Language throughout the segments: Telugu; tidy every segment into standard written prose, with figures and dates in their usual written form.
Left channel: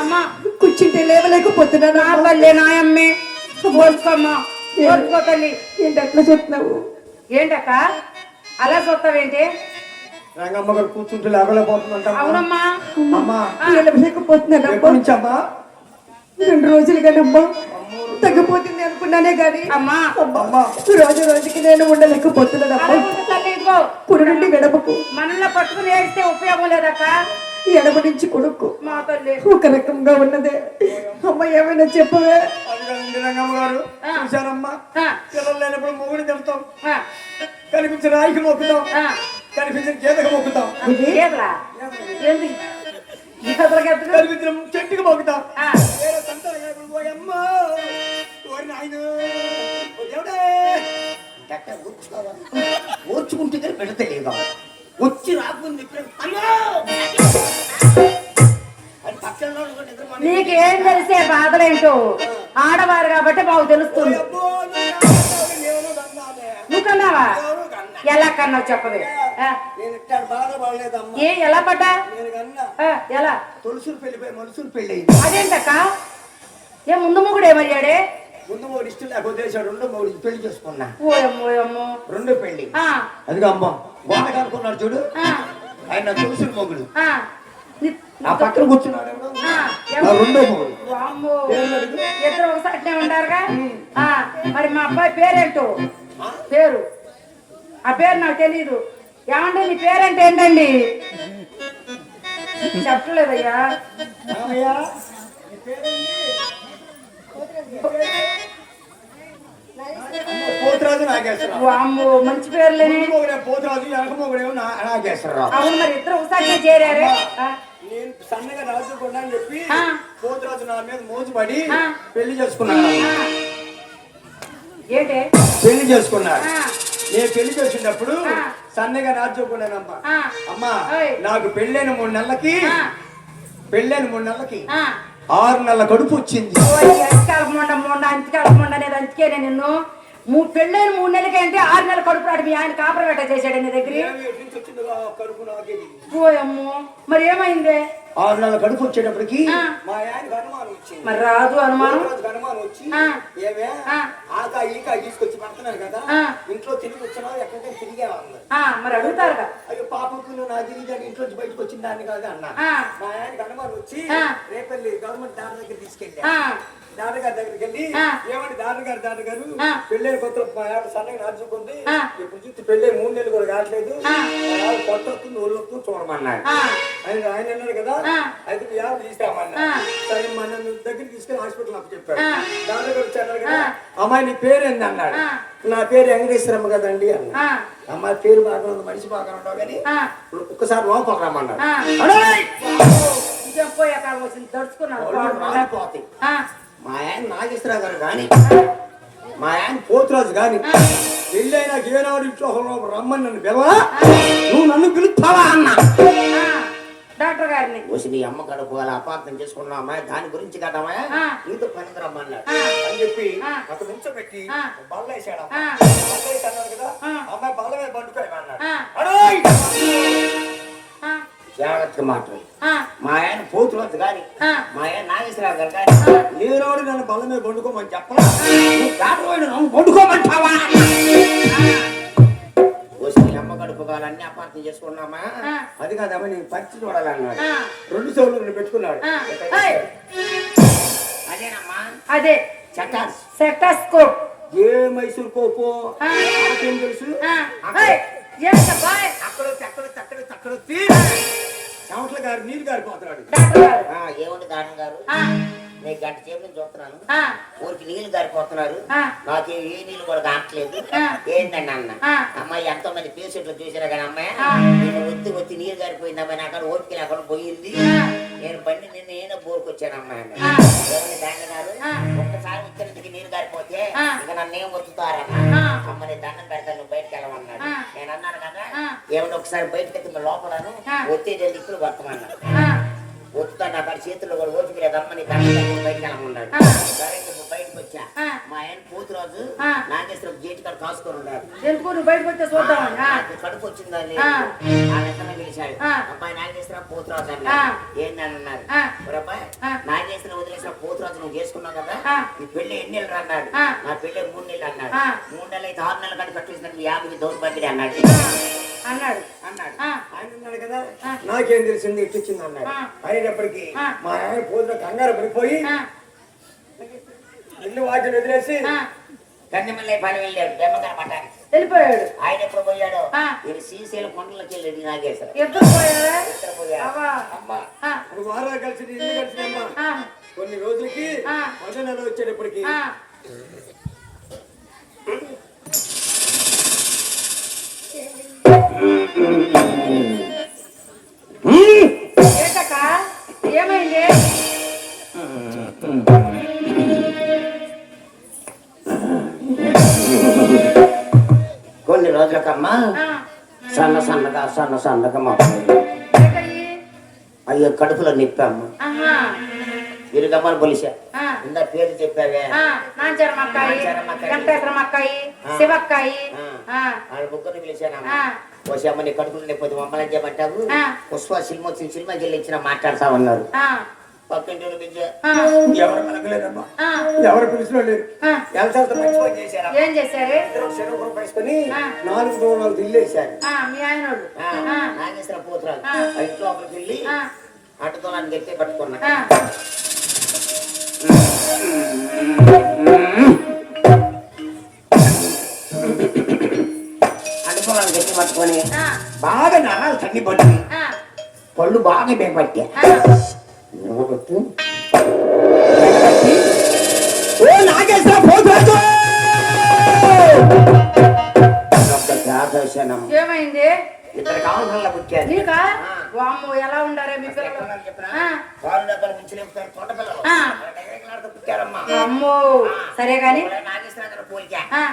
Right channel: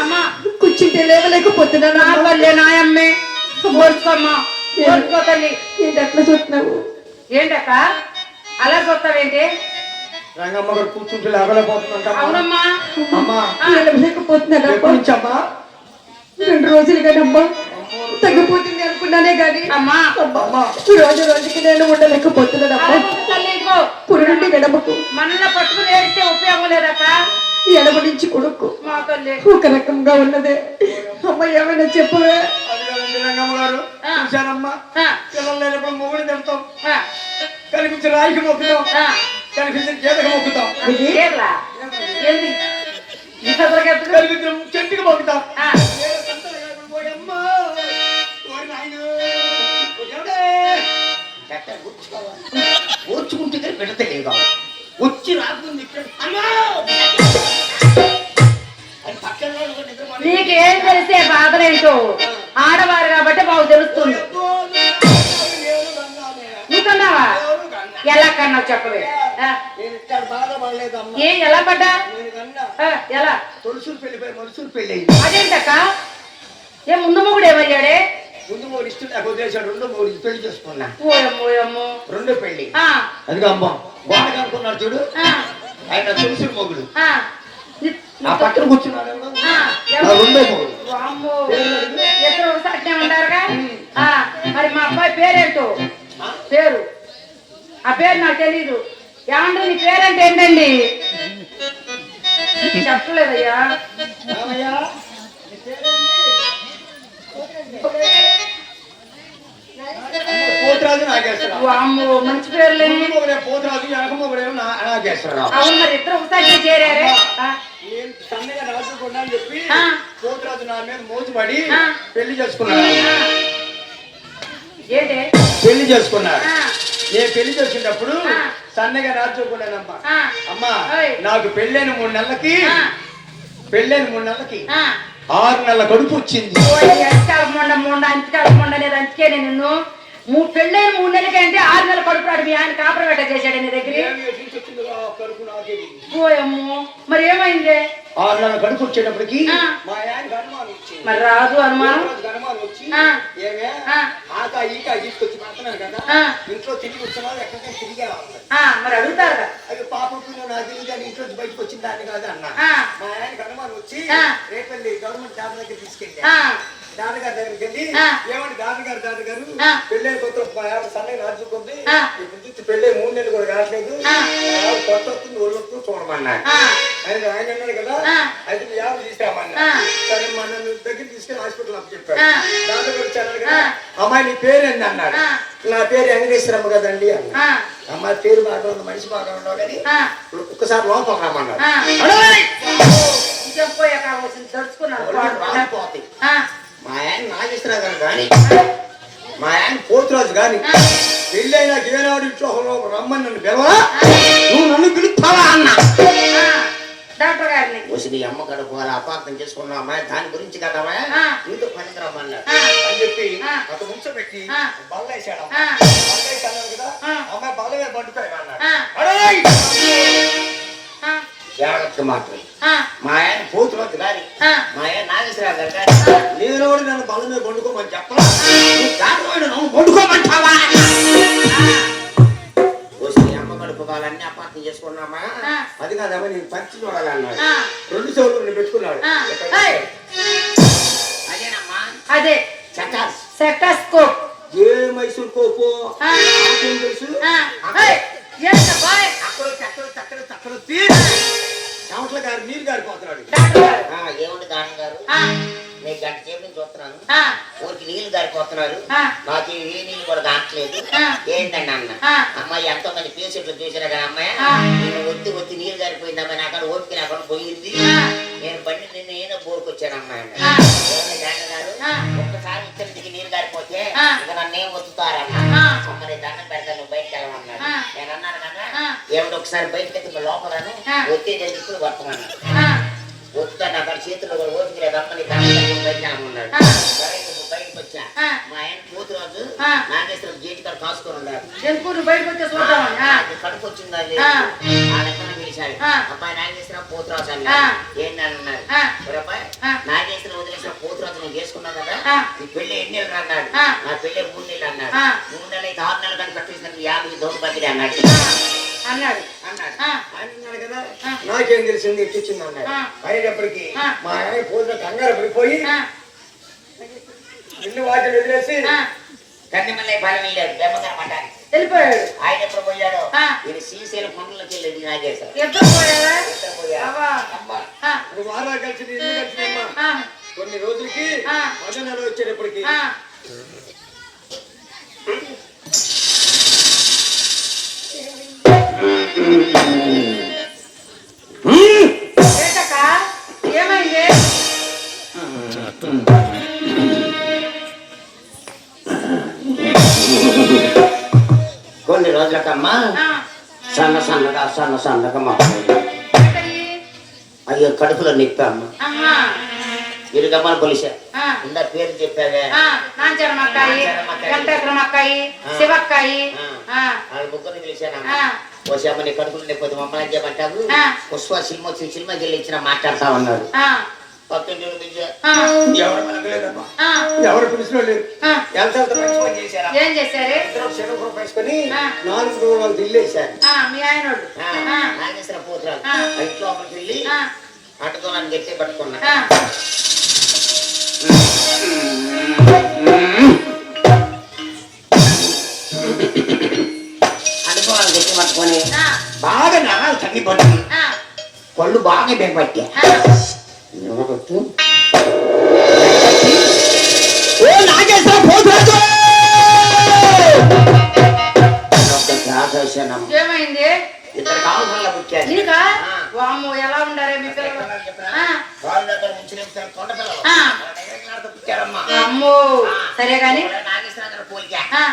అమ్మా కూర్చుంటే లేవలేకపోతున్నా నా వల్లే నాయమ్మే బోర్చుకోమ్మా బోర్చుకోతల్లి ఏంటి అట్లా చూస్తున్నావు ఏంటక్క అలా చూస్తావేంటి రంగమ్మ గారు కూర్చుంటే లేవలేకపోతున్నా అవునమ్మా అమ్మా లేవలేకపోతున్నాను ఎప్పటి నుంచి అమ్మా 2 రోజులు కదమ్మా తగ్గిపోతుంది అనుకున్నానే గాని అమ్మా రోజు రోజుకి నేను ఉండలేకపోతున్నానమ్మా పురుడు విడమకు మనల్ని పట్టుకుని ఏడిస్తే ఉపయోగం లేదక్క ఎడమ నుంచి కొడుకు ఒక రకంగా ఉన్నదే అమ్మ ఏమైనా చెప్పవే రంగమ్మ గారు చూశారమ్మా పిల్లలు లేనప్పుడు మొగుడు తిడతాం కనిపించిన రాయికి మొక్కుతాం కనిపించిన గీతకు మొక్కుతాం కనిపించిన చెట్టుకి మొక్కుతాం ఓర్చుకుంటే పెడితే లేదా వచ్చి రాకుండా నీకేం తెలిసే బాధలేంటో ఆడవారు కాబట్టి మాకు తెలుస్తుంది నీకన్నావా ఎలా కన్నావు చెప్పవే ఏ ఎలా పడ్డా ఎలా తులసులు పెళ్లిపోయి మనుషులు పెళ్లి అదేంటక్క ఏ ముందు మొగుడు ఏమయ్యాడే ముందు మూడు ఇష్టం నాకు వదిలేశాడు రెండో మూడు పెళ్లి చేసుకున్నా ఓయమ్మో రెండో పెళ్లి అందుకే అమ్మ వాడక అనుకున్నాడు చూడు ఆయన తులసులు మొగుడు నా పక్కన కూర్చున్నాడు రెండో మొగుడు ఎక్కడ ఒకసారి ఉంటారుగా మరి మా అబ్బాయి పేరేంటో పేరు ఆ పేరు నాకు తెలీదు ఏమండి నీ పేరేంటి ఏంటండి చెప్పలేదయ్యా పోతురాజు నాగేశ్వరరావు మంచి పేర్లే పోతురాజు ఎనకమొగుడేమో నాగేశ్వరరావు అవును మరి ఇద్దరు ఒకసారి చేరారే నేను సన్నగా రాజుకుండా అని చెప్పి పోతురాజు నా మీద మోజుపడి పెళ్లి చేసుకున్నాను ఏంటే పెళ్లి చేసుకున్నాడు నేను పెళ్లి చేసుకున్నప్పుడు సన్నగా రాజుకున్నానమ్మా అమ్మా నాకు పెళ్ళైన 3 నెలలకి 6 నెలల కడుపు వచ్చింది అందుకే నిన్ను పెళ్ళైన 3 నెలలకి అంటే 6 నెలల కడుపు రాడు మీ ఆయన కాపురం పెట్ట చేశాడు నీ దగ్గర పోయమ్మో మరి ఏమైంది 6 నెలల కడుపు వచ్చేటప్పటికి మరి రాదు అనుమానం ఏమే ఆకా ఈకా తీసుకొచ్చి పెడుతున్నారు కదా ఇంట్లో తిరిగి వచ్చినావు ఎక్కడికి తిరిగా మరి అడుగుతారు అది పాపకు నాకు తెలియదు ఇంట్లో బయటకు వచ్చిన దాన్ని కాదు అన్న మా ఆయనకి అనుమానం వచ్చి రేపల్లి గవర్నమెంట్ డాక్టర్ దగ్గర తీసుకెళ్ళి డాక్టర్ గారి దగ్గరికి వెళ్ళి ఏమంటే డాక్టర్ గారు పెళ్ళే కొత్త సన్నగా నడుచుకుంది పెళ్ళే 3 నెలలు కూడా కావట్లేదు కొత్త వస్తుంది ఒళ్ళు వస్తుంది చూడమన్నాడు ఆయన అన్నాడు కదా అయితే యాభై తీస్తామన్నా సరే మన దగ్గర తీసుకెళ్ళి హాస్పిటల్ అప్పు చెప్పాడు డాక్టర్ గారు వచ్చాడు కదా అమ్మాయి నీ పేరేంది అన్నాడు నా పేరు వెంకటేశ్వరమ్మ కదండి అన్న అమ్మాయి పేరు బాగా ఉంది మనిషి బాగా ఉండవు కానీ ఒక్కసారి లోపల రమ్మన్నాడు మా ఆయన నాగేశ్వరరావు గారు కానీ మా ఆయన పోతురాజు కానీ పెళ్ళైనా గేనాడు ఇంట్లో రమ్మని నన్ను పిలవా నువ్వు నన్ను పిలుస్తావా అన్నా డాక్టర్ గారిని నీ అమ్మ గడుపు వాళ్ళ అపార్థం చేసుకున్నామా దాని గురించి కదమ్మా నీతో పనికి రమ్మన్నారు అని చెప్పి ఒక ముంచం పెట్టి బల్లేసాడు కదా అమ్మాయి బల్ల మీద పండుతాయి జాగ్రత్తగా మాత్రం మా ఆయన పోతురాజు గారి మా ఆయన నాగేశ్వరరావు గారు గారి లేనోడు నన్ను బల్ల మీద పండుకోమని చెప్పాలి నువ్వు పండుకోమంటావా అమ్మ గడుపు వాళ్ళన్నీ అపార్థం చేసుకున్నామా అది కాదమ్మా నేను పచ్చి చూడాలన్నాడు 2 చెవులు పెట్టుకున్నాడు అదేనమ్మా అదే సెటస్కోప్ ఏ మైసూర్ కోపో తెలుసు చెమట్ల గారు నీళ్ళు గారిపోతున్నాడు ఏమండి దాని గారు నేను గంట సేపు నుంచి చూస్తున్నాను ఊరికి నీళ్లు గారిపోతున్నారు నాకు ఏ నీళ్ళు కూడా కావట్లేదు ఏంటండి అన్న అమ్మాయి ఎంతో మంది పేషెంట్లు చూసినా కానీ అమ్మాయి నేను ఒత్తి నీళ్ళు గారిపోయింది అమ్మాయి నాకు ఓపిక లేకుండా పోయింది నేను బండి నిన్న ఏదో బోరుకొచ్చాను అమ్మాయి గారు ఒక్కసారి ఇద్దరికి నీళ్ళు గారిపోతే ఇక నన్ను ఏం ఒత్తుతారన్న అమ్మని దండం పెడతాను నువ్వు బయటకు వెళ్ళమన్నాడు నేను అన్నాను కదా ఏమిటి ఒకసారి బయటకు ఎత్తి లోపలను ఒత్తిడి ఇప్పుడు వర్తమన్నాడు ఒత్తుతాడు అక్కడ చేతుల్లో ఓపిక లేదు అమ్మని దండం బయటకు వెళ్ళమన్నాడు సరే నువ్వు బయటకు వచ్చా ఆ. మా ఆయన పోతు రోజు ఆ. నాగేశ్వరం గేట్ కాడ కాసుకొని ఉన్నారు ఎందుకు నువ్వు బయటకు వచ్చే చూద్దామని కడుపు వచ్చిందా ఆ. పిలిచాడు ఆ. అబ్బాయి నాగేశ్వరం పోతు రోజు ఆ. అన్నారు ఏంటి అన్నారు ఆ. అబ్బాయి ఆ. నాగేశ్వరం వదిలేసిన పోతు రోజు నువ్వు చేసుకున్నావు కదా ఆ. నీ పెళ్లి ఎన్ని నెలలు అన్నాడు ఆ. నా పెళ్లి 3 నెలలు అన్నాడు ఆ. 3 నెలలు అయితే 6 నెలలు కానీ కట్టేసిన 50 దౌడు బతికి అన్నాడు అన్నాడు అన్నాడు ఆ. ఆయన ఉన్నాడు కదా ఆ. నాకేం తెలిసింది ఇచ్చింది అన్నాడు ఆ. అయ్యేటప్పటికి ఆ. మా ఆయన పోతున్న కంగారు పడిపోయి ఆ. ఇల్లు వాటిని వదిలేసి ఆ. కన్నెమల్లె పాలెం వెళ్ళాడు బెమ్మగారు పడ్డారు వెళ్ళిపోయాడు ఆయన ఎప్పుడు పోయాడు ఆ. ఇది శ్రీశైలం కొండలోకి వెళ్ళేది నాగేశ్వరం ఎప్పుడు పోయాడా అవ్వా. అబ్బా ఆ. అది వారాలు కలిసి ఇల్లు కలిసినమ్మా ఆ. కొన్ని రోజులకి ఆ. మొదటి నెల వచ్చేటప్పటికి ఆ. ఏంటక్క ఏమైంది కొన్ని రోజులకమ్మా ఆ. సన్నగా మాట్లాడు ఏంటది? అయ్యో కడుపులో నొప్పి అమ్మ అమ్మా. ఇరుగమ్మని కొలిసా ఆ. ఇందా పేరు చెప్పావే ఆ. నాంచరమక్కాయి వెంకటేశ్వరమక్కాయి శివక్కాయి ఆ. వాళ్ళ ముగ్గురిని పిలిచానమ్మా ఆ. పోసామ్మ నీ కడుపులో నొప్పి మమ్మల్ని చెప్పంటావు ఆ. పుష్ప సినిమా వచ్చింది సినిమా చెల్లించిన మాట్లాడతా ఉన్నారు ఆ. పక్కన నుంచి ఆ. ఎవరు పలకలేదమ్మా ఆ. ఎవరు పిలిచిన లేదు ఆ. ఎంత మంచి పని చేశారా ఏం చేశారు ఇద్దరు శనగ వేసుకొని ఆ. 4 రోజులు దిల్లేశారు ఆ. మీ ఆయనోడు ఆ. నాగేశ్వర పోతురాలు ఆ. ఇంట్లో లోపలికి వెళ్ళి ఆ. అటుకోవాలని గట్టి పట్టుకున్నా ఆ. అనుకోవాలని గట్టి పట్టుకొని ఆ. బాగా నరాలు తగ్గి పట్టి ఆ. పళ్ళు బాగా బెగపట్టా ఆ. ఓ నాగేశ్వర పోతురాజు ఏమైంది ఇద్దరు కావాల్సిన పుట్టారు నీకా వాము ఎలా ఉండారే మీ పిల్లలు ఆ. ఆ. అమ్మో సరే గాని ఆ.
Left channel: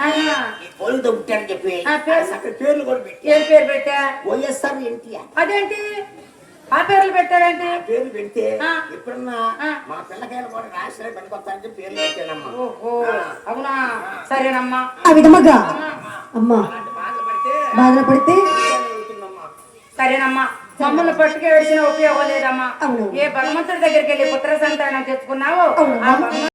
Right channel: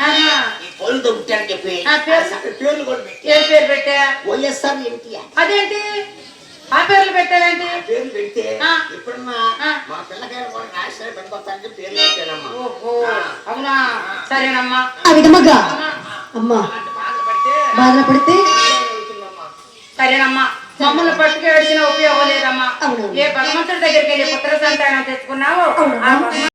ఆహా. ఈ పోలితో పుట్టారని చెప్పి ఆ, పేరు? పేర్లు కూడా పెట్టి ఏం పేరు పెట్టా వైఎస్ఆర్ ఎన్టీఆర్ అదేంటి ఆ పేర్లు పెట్టావేంటి పేర్లు పెడితే ఆ. ఇప్పుడున్న ఆ. మా పిల్లకాయలు కూడా రాష్ట్రాలు పనికొస్తారని పేర్లు పెట్టానమ్మా ఓహో అవునా సరేనమ్మా ఆ విధముగా ఆ. అమ్మా అలాంటి బాధలు పడితే బాధపడితే వెళ్తుందమ్మా సరేనమ్మా మమ్మల్ని పట్టుకు ఏడిచిన ఉపయోగం లేదమ్మా అవును. ఏ భగవంతుడి దగ్గరికి వెళ్ళి పుత్ర సంతానం తెచ్చుకున్నావు అవును. ఆ భగవంతుడి